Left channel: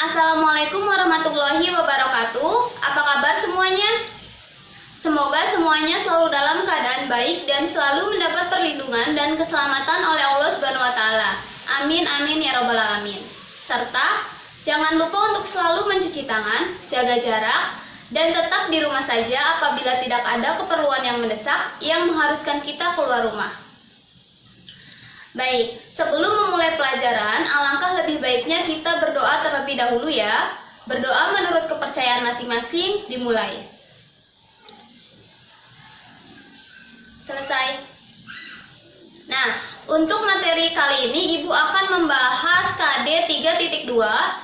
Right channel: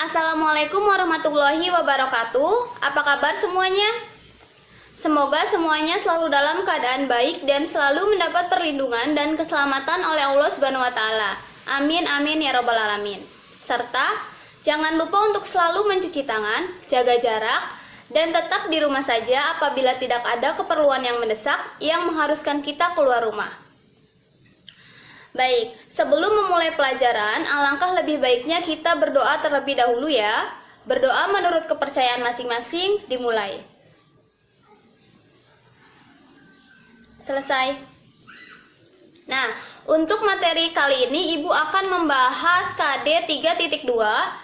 Assalamualaikum warahmatullahi wabarakatuh. Apa kabar semuanya? Semoga semuanya selalu dalam keadaan baik dan selalu mendapat perlindungan dan keselamatan oleh Allah Subhanahu wa taala. Amin amin ya rabbal alamin. Serta jangan lupa untuk selalu mencuci tangan, jaga jarak, dan tetap di rumah saja apabila tidak ada keperluan yang mendesak yang mengharuskan kita keluar rumah. Baik, sebelum memulai pelajaran, alangkah lebih baiknya kita berdoa terlebih dahulu ya. Berdoa menurut kepercayaan masing-masing, dimulai. Selesai. Nah, untuk materi kali ini Ibu akan membahas KD 3.2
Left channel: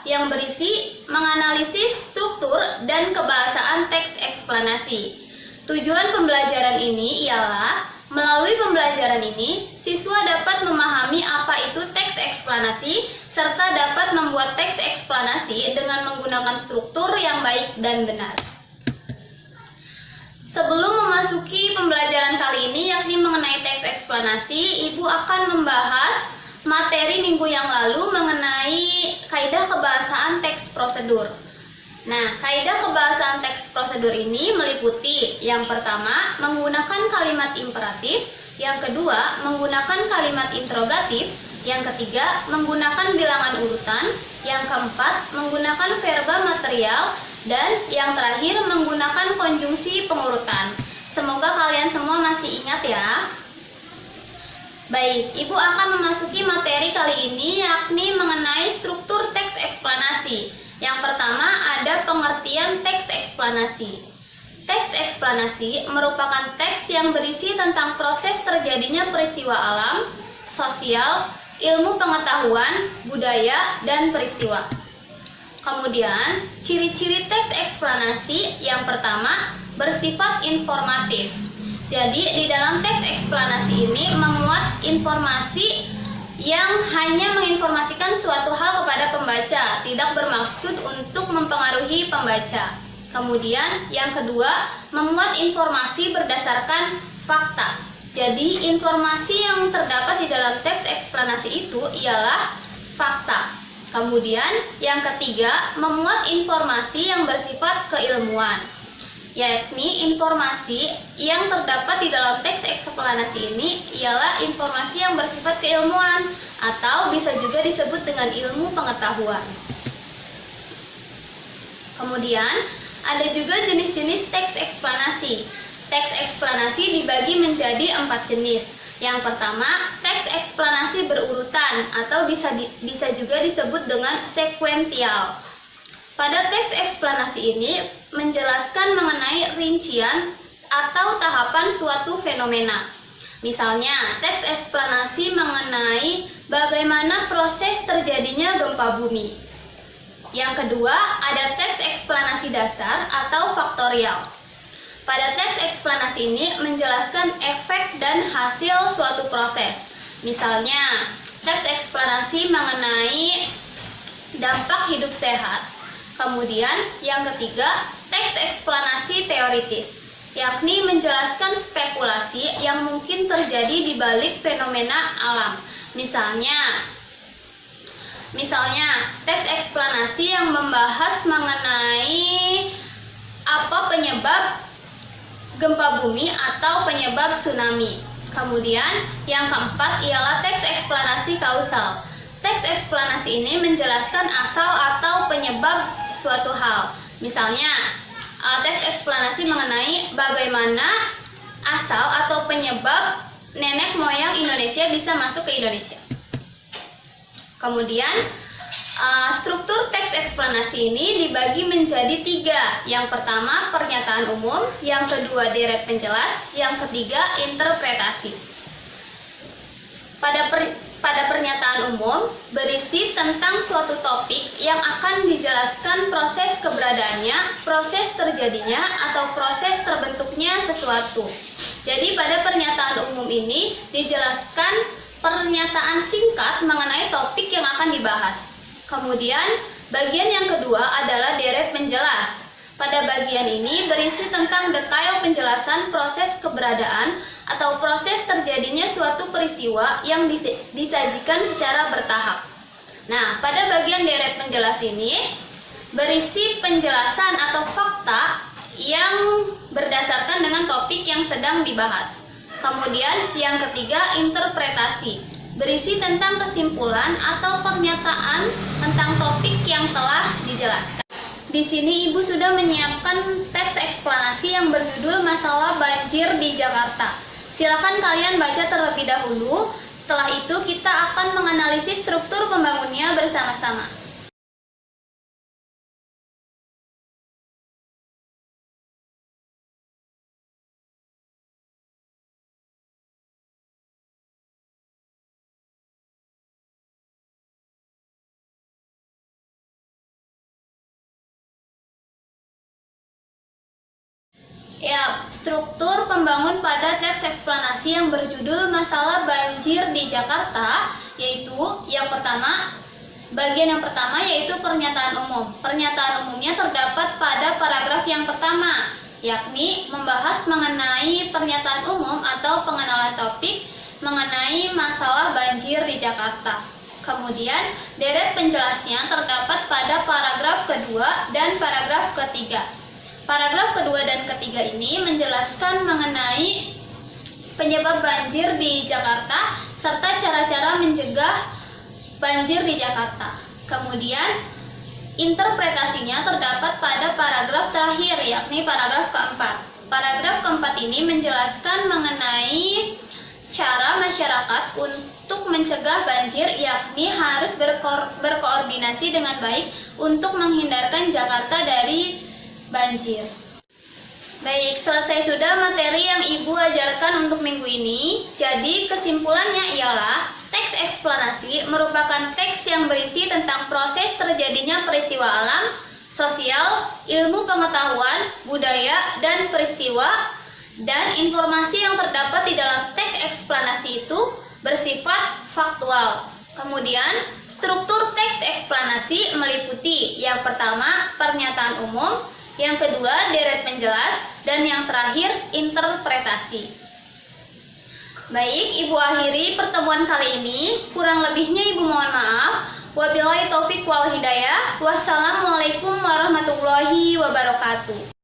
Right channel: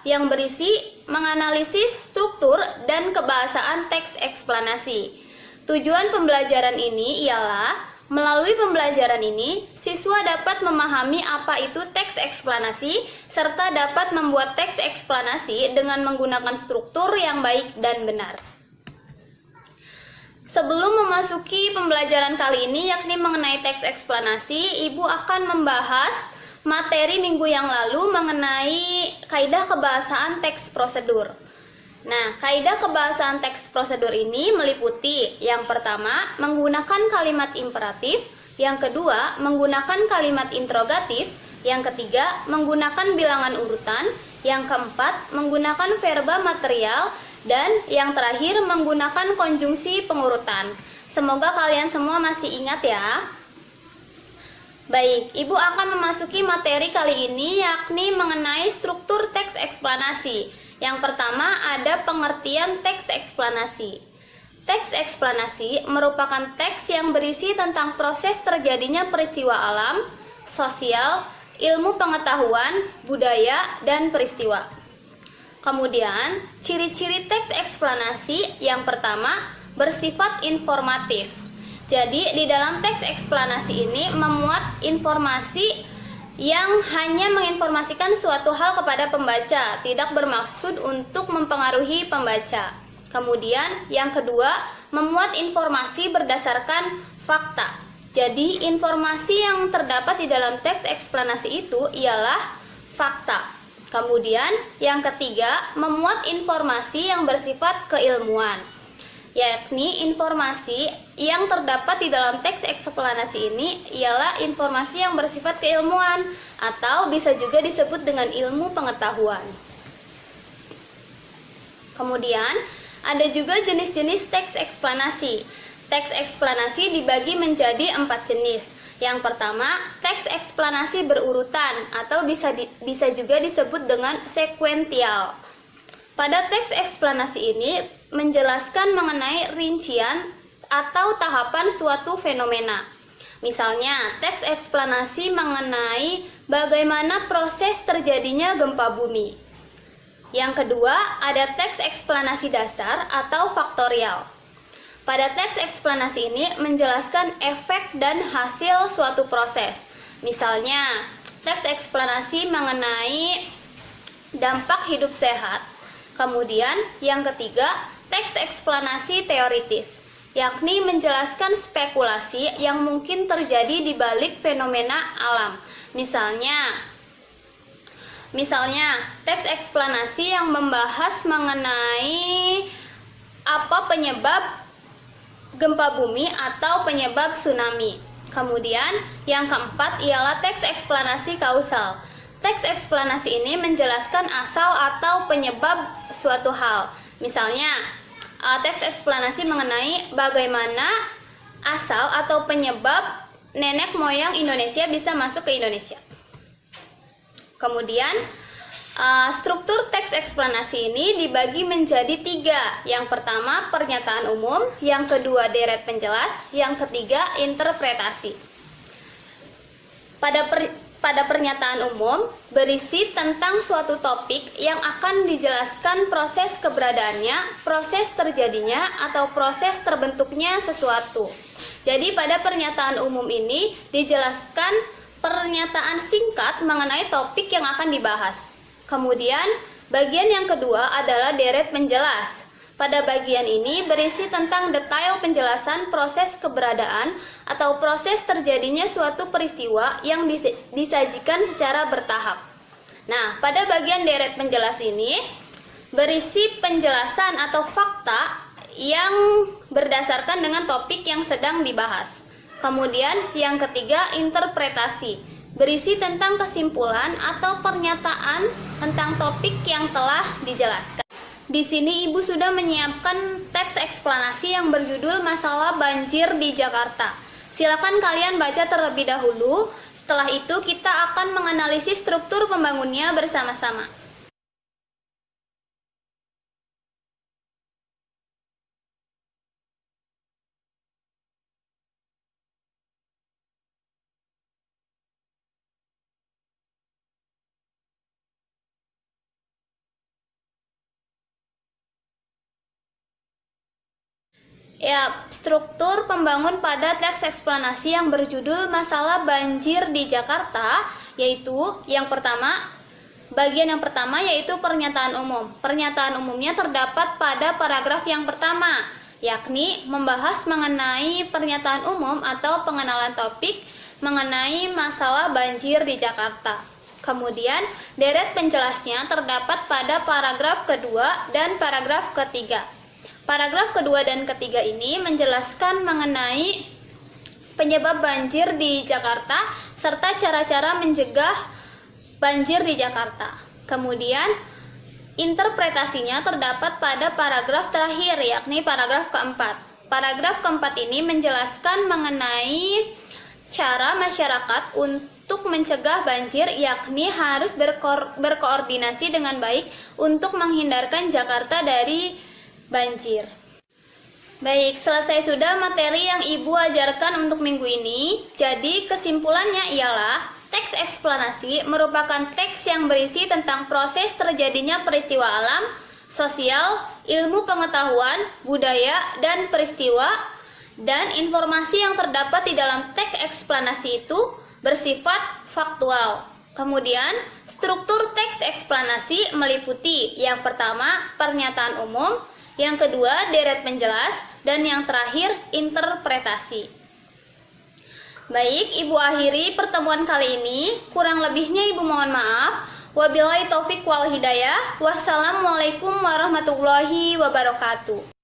yang berisi menganalisis struktur dan kebahasaan teks eksplanasi. Tujuan pembelajaran ini ialah melalui pembelajaran ini, siswa dapat memahami apa itu teks eksplanasi serta dapat membuat teks eksplanasi dengan menggunakan struktur yang baik dan benar. Sebelum memasuki pembelajaran kali ini yakni mengenai teks eksplanasi, Ibu akan membahas materi minggu yang lalu mengenai kaidah kebahasaan teks prosedur. Nah, kaidah kebahasaan teks prosedur ini meliputi yang pertama, menggunakan kalimat imperatif, yang kedua, menggunakan kalimat interrogatif, yang ketiga, menggunakan bilangan urutan, yang keempat, menggunakan verba material, dan yang terakhir, menggunakan konjungsi pengurutan. Semoga kalian semua masih ingat ya. Baik, Ibu akan memasuki materi kali ini yakni mengenai struktur teks eksplanasi. Yang pertama ada pengertian teks eksplanasi. Teks eksplanasi merupakan teks yang berisi tentang proses terjadinya peristiwa alam, sosial, ilmu pengetahuan, budaya, dan peristiwa. Kemudian, ciri-ciri teks eksplanasi yang pertama bersifat informatif. Jadi, di dalam teks eksplanasi ini memuat informasi yang hanya menginformasikan suatu hal kepada pembaca, tidak bermaksud untuk mempengaruhi pembaca. Kemudian, yang kedua, memuat informasi berdasarkan fakta. Jadi, informasi yang terdapat di dalam teks eksplanasi itu ialah fakta. Kemudian, yang ketiga, memuat informasi yang bersifat keilmuan, yakni informasi yang terdapat di dalam teks eksplanasi ini ialah informasi yang bersifat keilmuan atau bisa juga disebut dengan ilmu pengetahuan. Kemudian, ada juga jenis-jenis teks eksplanasi. Teks eksplanasi dibagi menjadi 4 jenis. Yang pertama, teks eksplanasi berurutan atau bisa juga disebut dengan sekuensial. Pada teks eksplanasi ini menjelaskan mengenai rincian atau tahapan suatu fenomena. Misalnya, teks eksplanasi mengenai bagaimana proses terjadinya gempa bumi. Yang kedua, ada teks eksplanasi dasar atau faktorial. Pada teks eksplanasi ini menjelaskan efek dan hasil suatu proses. Misalnya, teks eksplanasi mengenai dampak hidup sehat. Kemudian yang ketiga, teks eksplanasi teoritis, yakni menjelaskan spekulasi yang mungkin terjadi di balik fenomena alam. Misalnya, teks eksplanasi yang membahas mengenai apa penyebab gempa bumi atau penyebab tsunami. Kemudian yang keempat ialah teks eksplanasi kausal. Teks eksplanasi ini menjelaskan asal atau penyebab suatu hal. Misalnya, teks eksplanasi mengenai bagaimana asal atau penyebab nenek moyang Indonesia bisa masuk ke Indonesia. Kemudian, struktur teks eksplanasi ini dibagi menjadi 3. Yang pertama, pernyataan umum. Yang kedua, deret penjelas. Yang ketiga, interpretasi. Pada pernyataan umum berisi tentang suatu topik yang akan dijelaskan proses keberadaannya, proses terjadinya, atau proses terbentuknya sesuatu. Jadi pada pernyataan umum ini dijelaskan pernyataan singkat mengenai topik yang akan dibahas. Kemudian bagian yang kedua adalah deret penjelas. Pada bagian ini berisi tentang detail penjelasan proses keberadaan atau proses terjadinya suatu peristiwa yang disajikan secara bertahap. Nah, pada bagian deret penjelas ini berisi penjelasan atau fakta yang berdasarkan dengan topik yang sedang dibahas. Kemudian yang ketiga, interpretasi, berisi tentang kesimpulan atau pernyataan tentang topik yang telah dijelaskan. Di sini Ibu sudah menyiapkan teks eksplanasi yang berjudul Masalah Banjir di Jakarta. Silakan kalian baca terlebih dahulu. Setelah itu kita akan menganalisis struktur pembangunnya bersama-sama. Ya, struktur pembangun pada teks eksplanasi yang berjudul Masalah Banjir di Jakarta, yaitu bagian yang pertama yaitu pernyataan umum. Pernyataan umumnya terdapat pada paragraf yang pertama, yakni membahas mengenai pernyataan umum atau pengenalan topik mengenai masalah banjir di Jakarta. Kemudian, deret penjelasnya terdapat pada paragraf kedua dan paragraf ketiga. Paragraf kedua dan ketiga ini menjelaskan mengenai penyebab banjir di Jakarta serta cara-cara mencegah banjir di Jakarta. Kemudian, interpretasinya terdapat pada paragraf terakhir, yakni paragraf keempat. Paragraf keempat ini menjelaskan mengenai cara masyarakat untuk mencegah banjir, yakni harus berkoordinasi dengan baik untuk menghindarkan Jakarta dari banjir. Baik, selesai sudah materi yang Ibu ajarkan untuk minggu ini. Jadi kesimpulannya ialah teks eksplanasi merupakan teks yang berisi tentang proses terjadinya peristiwa alam, sosial, ilmu pengetahuan, budaya, dan peristiwa, dan informasi yang terdapat di dalam teks eksplanasi itu bersifat faktual. Kemudian, struktur teks eksplanasi meliputi yang pertama, pernyataan umum, yang kedua, deret penjelas, dan yang terakhir, interpretasi. Baik, Ibu akhiri pertemuan kali ini. Kurang lebihnya Ibu mohon maaf. Wabillahi taufik wal hidayah. Wassalamualaikum warahmatullahi wabarakatuh.